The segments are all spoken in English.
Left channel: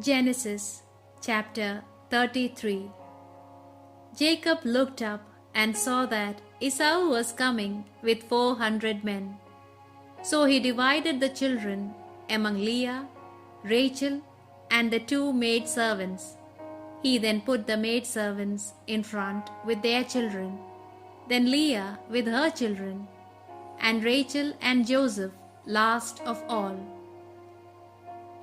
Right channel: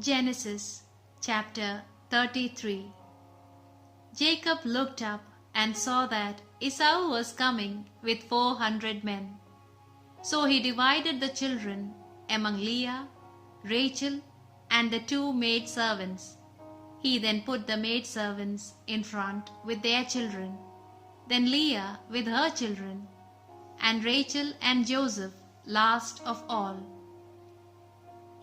Genesis chapter 33. Jacob looked up and saw that Esau was coming with 400 men. So he divided the children among Leah, Rachel, and the 2 maidservants. He then put the maidservants in front with their children, then Leah with her children, and Rachel and Joseph last of all.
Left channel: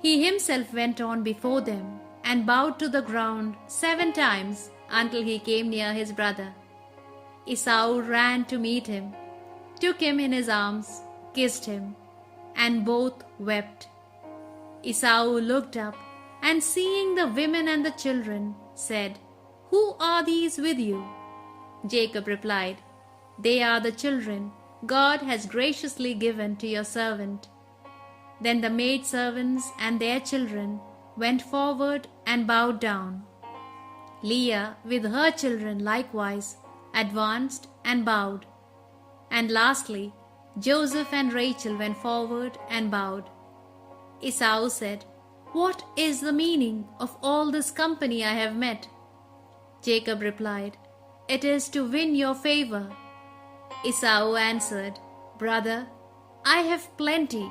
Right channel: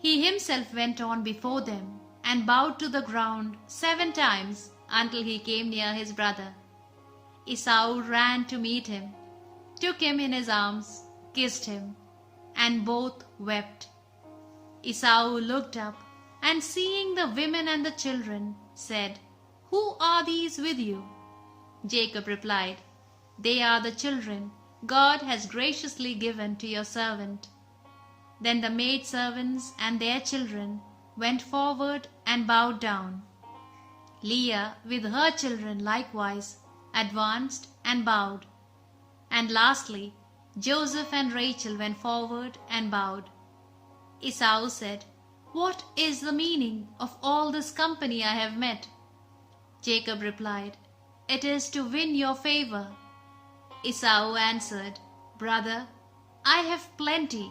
He himself went on before them and bowed to the ground 7 times until he came near his brother. Esau ran to meet him, took him in his arms, kissed him, and both wept. Esau looked up and seeing the women and the children, said, "Who are these with you?" Jacob replied, "They are the children God has graciously given to your servant." Then the maidservants and their children went forward and bowed down. Leah with her children likewise advanced and bowed. And lastly, Joseph and Rachel went forward and bowed. Esau said, "What is the meaning of all this company I have met?" Jacob replied, "It is to win your favor." Esau answered, "Brother, I have plenty.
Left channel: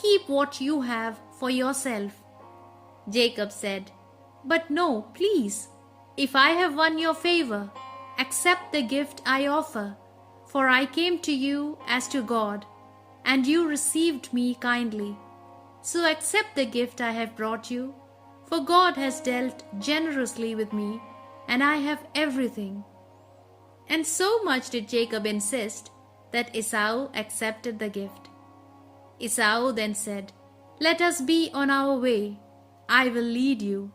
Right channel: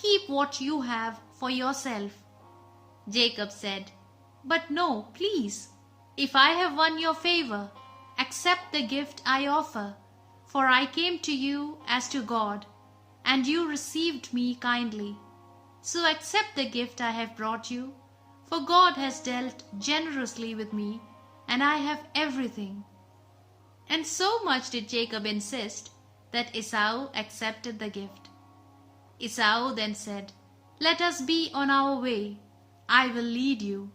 Keep what you have for yourself." Jacob said, "But no, please, if I have won your favor, accept the gift I offer, for I came to you as to God, and you received me kindly. So accept the gift I have brought you, for God has dealt generously with me, and I have everything." And so much did Jacob insist that Esau accepted the gift. Esau then said, "Let us be on our way. I will lead you."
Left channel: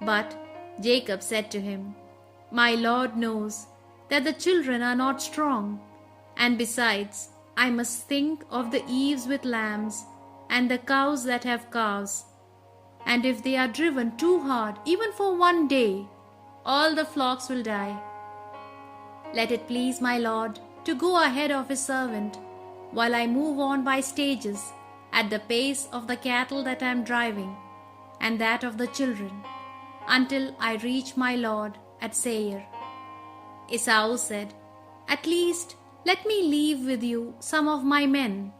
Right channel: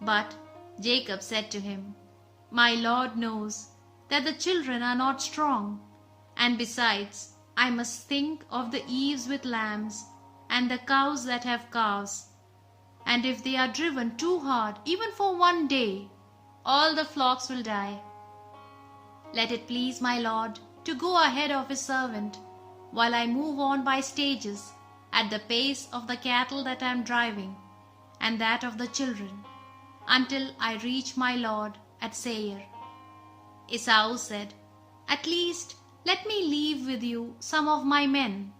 But Jacob said to him, "My Lord knows that the children are not strong, and besides, I must think of the ewes with lambs and the cows that have calves. And if they are driven too hard, even for 1 day, all the flocks will die. Let it please my Lord to go ahead of his servant, while I move on by stages at the pace of the cattle that I am driving, and that of the children, until I reach my Lord at Seir." Esau said, "At least let me leave with you some of my men."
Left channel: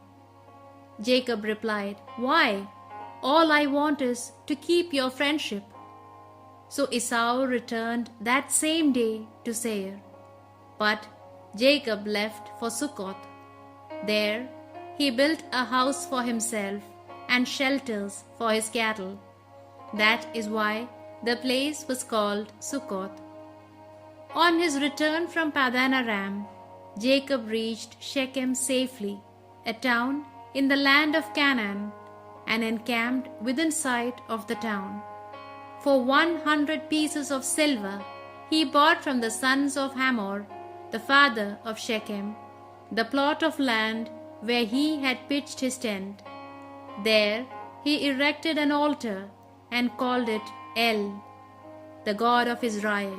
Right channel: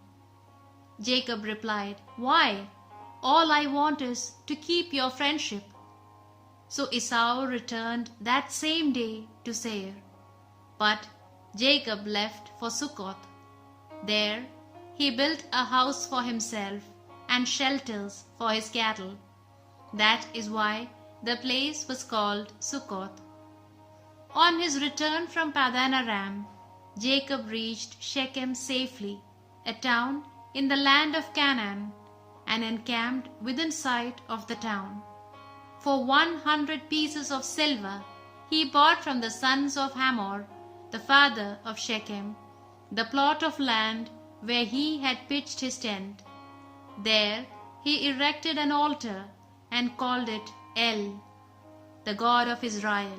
Jacob replied, "Why? All I want is to keep your friendship." So Esau returned that same day to Seir. But Jacob left for Succoth. There he built a house for himself and shelters for his cattle. That is why the place was called Succoth. On his return from Paddan Aram, Jacob reached Shechem safely, a town in the land of Canaan, and encamped within sight of the town. For 100 pieces of silver he bought from the sons of Hamor, the father of Shechem, the plot of land where he had pitched his tent. There he erected an altar and called it El, the God of Israel.